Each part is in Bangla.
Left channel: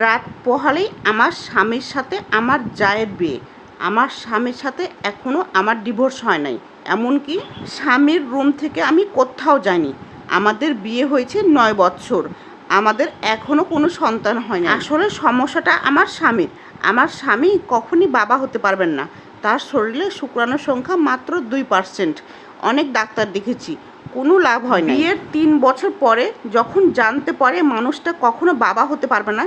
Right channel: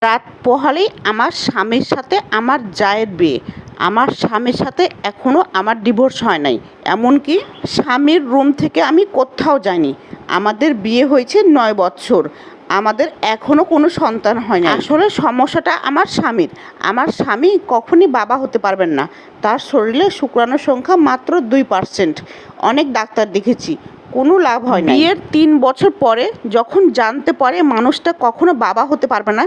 রাত পোহালেই আমার স্বামীর সাথে আমার জায়ের বিয়ে। আমার স্বামীর সাথে এখনও আমার ডিভোর্স হয় নাই। এমনকি স্বামীর রুম থেকে আমি কোথাও যাইনি। আমাদের বিয়ে হয়েছে নয় বছর আমাদের এখনও কোনো সন্তান হয় না আসলে সমস্যাটা আমার স্বামীর। আমার স্বামী কখনই বাবা হতে পারবেন না। তার শরীরে শুক্রাণুর সংখ্যা মাত্র দুই পার্সেন্ট। অনেক ডাক্তার দেখেছি। কোনো লাভ হয় না বিয়ের তিন বছর পরে যখন জানতে পারে মানুষটা কখনো বাবা হতে পারবে না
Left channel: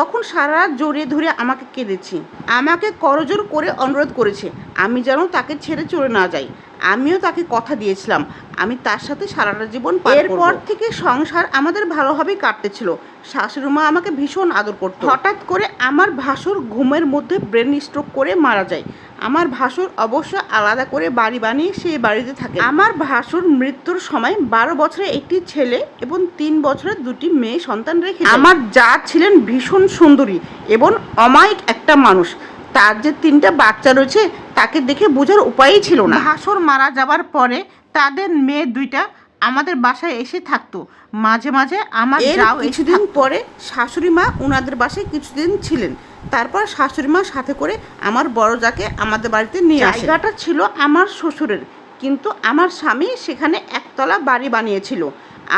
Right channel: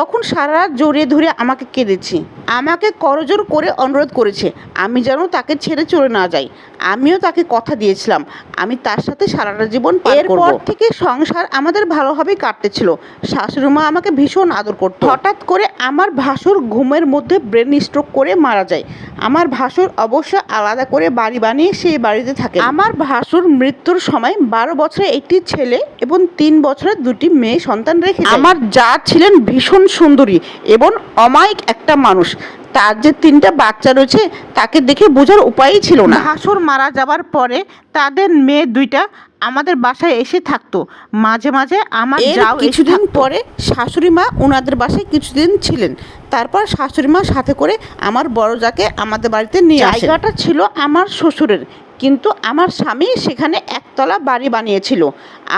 তখন সারা রাত জড়িয়ে ধরে আমাকে কেঁদেছি। আমাকে করজোর করে অনুরোধ করেছে আমি যেন তাকে ছেড়ে চলে না যাই। আমিও তাকে কথা দিয়েছিলাম আমি তার সাথে সারাটা জীবন এরপর থেকে সংসার আমাদের ভালোভাবেই কাটতেছিল। শাশুড়ি মা আমাকে ভীষণ আদর করতো। হঠাৎ করে আমার ভাসুর ঘুমের মধ্যে ব্রেন স্ট্রোক করে মারা যায়। আমার ভাসুর অবশ্য আলাদা করে বাড়ি বানিয়ে সেই বাড়িতে থাকে। আমার ভাসুর মৃত্যুর সময় বারো বছরে একটি ছেলে এবং তিন বছরের দুটি মেয়ে সন্তান রেখে আমার যা ছিলেন ভীষণ সুন্দরী এবং অমায়িক একটা মানুষ। তার যে তিনটা বাচ্চা রয়েছে তাকে দেখে বোঝার উপায়ই ছিল না। ভাসুর মারা যাবার পরে তাদের মেয়ে দুইটা আমাদের বাসায় এসে থাকতো। মাঝে মাঝে আমার যাও কিছুদিন পরে শাশুড়ি মা ওনাদের বাসায় কিছুদিন ছিলেন। তারপর শাশুড়ি মা সাথে করে আমার বড় যাকে আমাদের বাড়িতে নিয়ে জায়গাটা ছিল আমার শ্বশুরের। কিন্তু আমার স্বামী সেখানে একতলা বাড়ি বানিয়েছিল।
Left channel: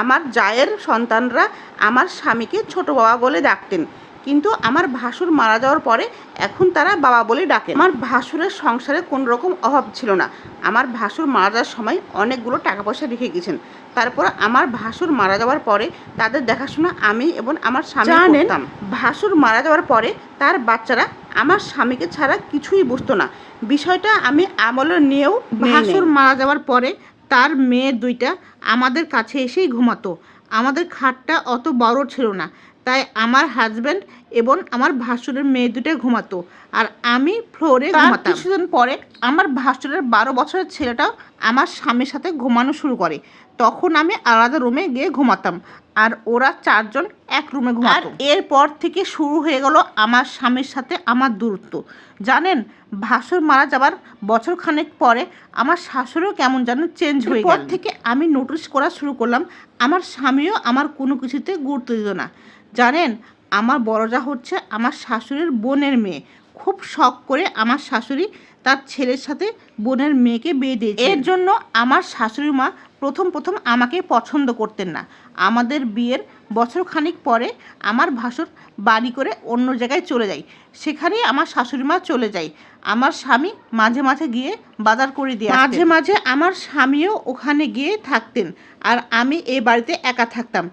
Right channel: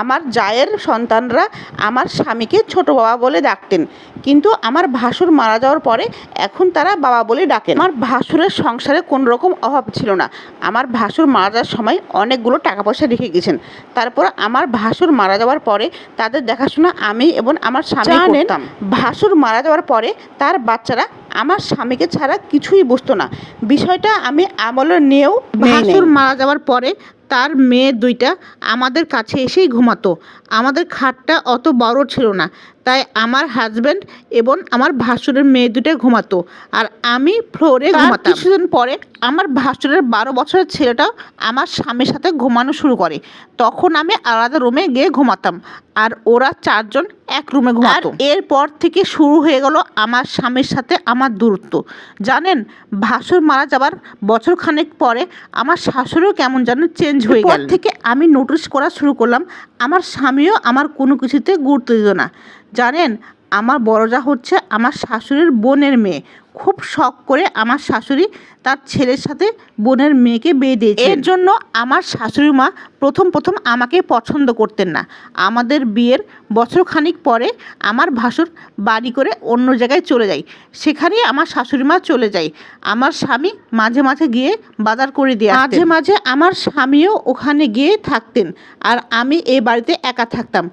আমার জায়ের সন্তানরা আমার স্বামীকে ছোট বাবা বলে ডাকতেন। কিন্তু আমার ভাসুর মারা যাওয়ার পরে এখন তারা বাবা বলে ডাকেন। আমার ভাসুরের সংসারে কোনো রকম অভাব ছিল না। আমার ভাসুর মারা যাওয়ার সময় অনেকগুলো টাকা পয়সা রেখে গেছেন। তারপর আমার ভাসুর মারা যাওয়ার পরে তাদের দেখাশোনা আমি এবং আমার স্বামী করতাম। ভাসুর মারা যাওয়ার পরে তার বাচ্চারা আমার স্বামীকে ছাড়া কিছুই বুঝতো না। বিষয়টা আমি আমলে নিয়েও ভাসুর মারা যাওয়ার পরে তার মেয়ে দুইটা আমাদের কাছে এসেই ঘুমাতো। আমাদের খাটটা অত বড় ছিল না তাই আমার হাজব্যান্ড এবং আমার ভাসুরের মেয়ে দুটো ঘুমাতো। আর আমি ফ্লোরে ঘুমাতাম। কিছুদিন পরে আমার ভাসুরের বারো বছরের ছেলেটাও আমার স্বামীর সাথে ঘুমানো শুরু করে। তখন আমি আলাদা রুমে গিয়ে ঘুমাতাম। আর ওরা চারজন এক রুমে ঘুমাতো। এরপর থেকে শুরু হয়ে গেল আমার স্বামীর সাথে আমার দূরত্ব। জানেন ভাসুর মারা যাবার বছর খানেক পরে আমার শাশুড়িও কেমন যেন চেঞ্জ হয়ে গেল থেকে আমি নোটিস করা শুরু করলাম আমার স্বামীও আমার কোনো কিছুতে গুরুত্ব দিত না। জানেন আমার বড়জা হচ্ছে আমার শাশুড়ির বোনের মেয়ে। খুব শখ করে আমার শাশুড়ি তার ছেলের সাথে বোনের মেয়েকে বিয়ে দিয়েছে। এর জন্য আমার শাশুড়ি মা প্রথম প্রথম আমাকে পছন্দ করতেন না। আমাদের বিয়ের বছর খানিক পরে আমার ভাসুর বাড়ি করে অন্য জায়গায় চলে যায়। সেখানে আমার শাশুড়ি মা চলে যায়। আমার স্বামী মাঝে মাঝে গিয়ে বাজার করে দিয়ে মাঝে মাঝে আমার স্বামীও ওখানে গিয়ে থাকতেন আর আমি এই বাড়িতে একা থাকতাম।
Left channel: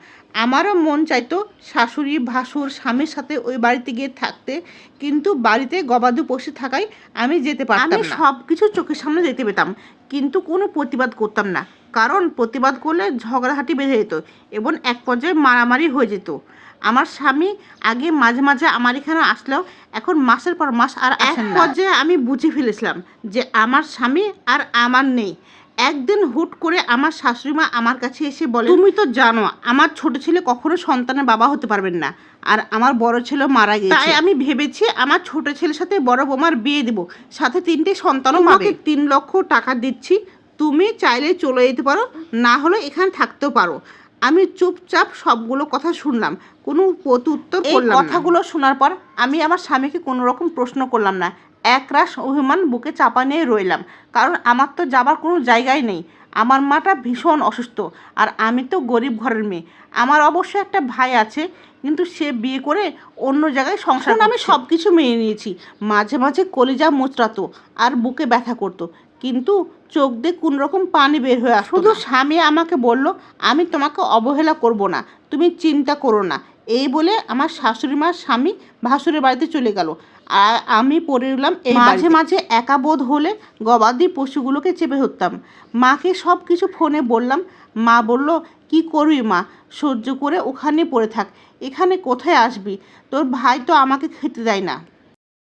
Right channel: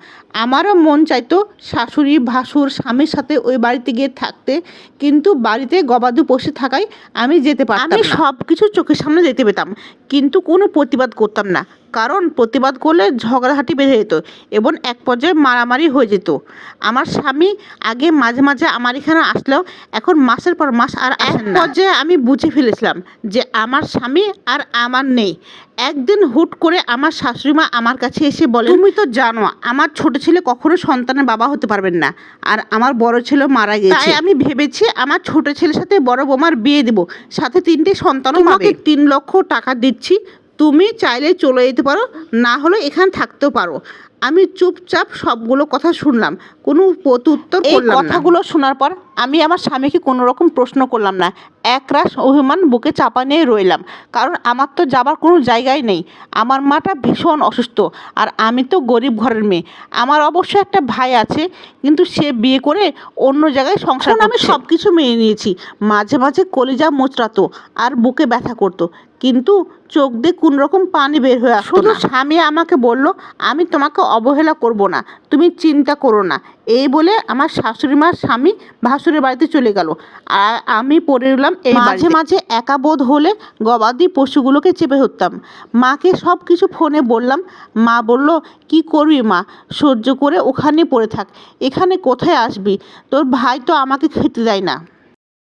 আমারও মন চাইতো শাশুড়ি ভাসুর স্বামীর সাথে ওই বাড়িতে গিয়ে থাকতে। কিন্তু বাড়িতে গবাদি পশু থাকায় আমি যেতে পারতাম আমি সব কিছু চোখের সামনে দেখতে পেতাম কিন্তু কোনো প্রতিবাদ করতাম না। কারণ প্রতিবাদ করলে ঝগড়াঝাটি বেঁধে যেত এবং এক পর্যায়ে মারামারি হয়ে যেত। আমার স্বামী আগে মাঝে মাঝে আমার এখানে আসলেও এখন মাসের পর মাস আর এক পর্যায়ে আমি বুঝে ফেলেছিলাম যে আমার স্বামী আর আমার নেই। একদিন হুট করে আমার শাশুড়ি মা আমার কাছে এসে বলে তুমি তো জানো আমার ছোট ছেলে কখনো সন্তানের বাবা হতে পারবেন না আর আমার বড় ছেলে মারা গেছে তাই আমি ভেবেছি আমার ছোট ছেলের সাথে বড় বৌমার বিয়ে দেবো সাথে তিনটে সন্তানও পাবে। তিন লক্ষ টাকা দিচ্ছি তুমি চাইলে চলে যেতে পারো না হলে এখানে থাকতেও পারো। আমি চুপচাপ সবগুলো কথা শুনলাম কোনো প্রত্যুত্তর করলাম না। কথাগুলো শোনার পর আমি আমার স্বামীকে কোনো রকম প্রশ্ন করলাম না। একরাশ অভিমান বুকে চাপা নিয়ে রইলাম। কারণ আমার তো যাবার কোনো জায়গায় নেই। আমার মাটা ভীষণ অসুস্থ। আর আমি তো গরিব ঘরের মেয়ে। আমার অবশ্য একটা ভাই আছে কিন্তু সে বিয়ে করে অন্য জায়গায় সংসার আমি সব কিছু মেনে নিয়েছি। মাঝে মাঝে কলিজা মোচড়াতো আর বুকে ব্যথা করতো। কিন্তু চোখ দিয়ে কোন রকম পানি বের হয়ে শুধু স্বামী আমাকে বলল আমি তোমাকে অবহেলা করব না। তুমি চিন্তা করো না। এই বলে আমার শাশুড়ি মার স্বামী ভাসুরের বাড়িতে চলে গেল। আর আমি পড়ে রইলাম এই মাঝে মাঝে একা বোধ হলে গবাদি পশুগুলোকে চেপে ধরতাম। মাকে সব কিছু ফোনে বললাম, মা বলল, কি করবি মা? সহ্য করে ওখানে পড়ে থাক। এখানে কোথায় আসবি? তোর ভাই তো আমাকে খেতে দেয় না।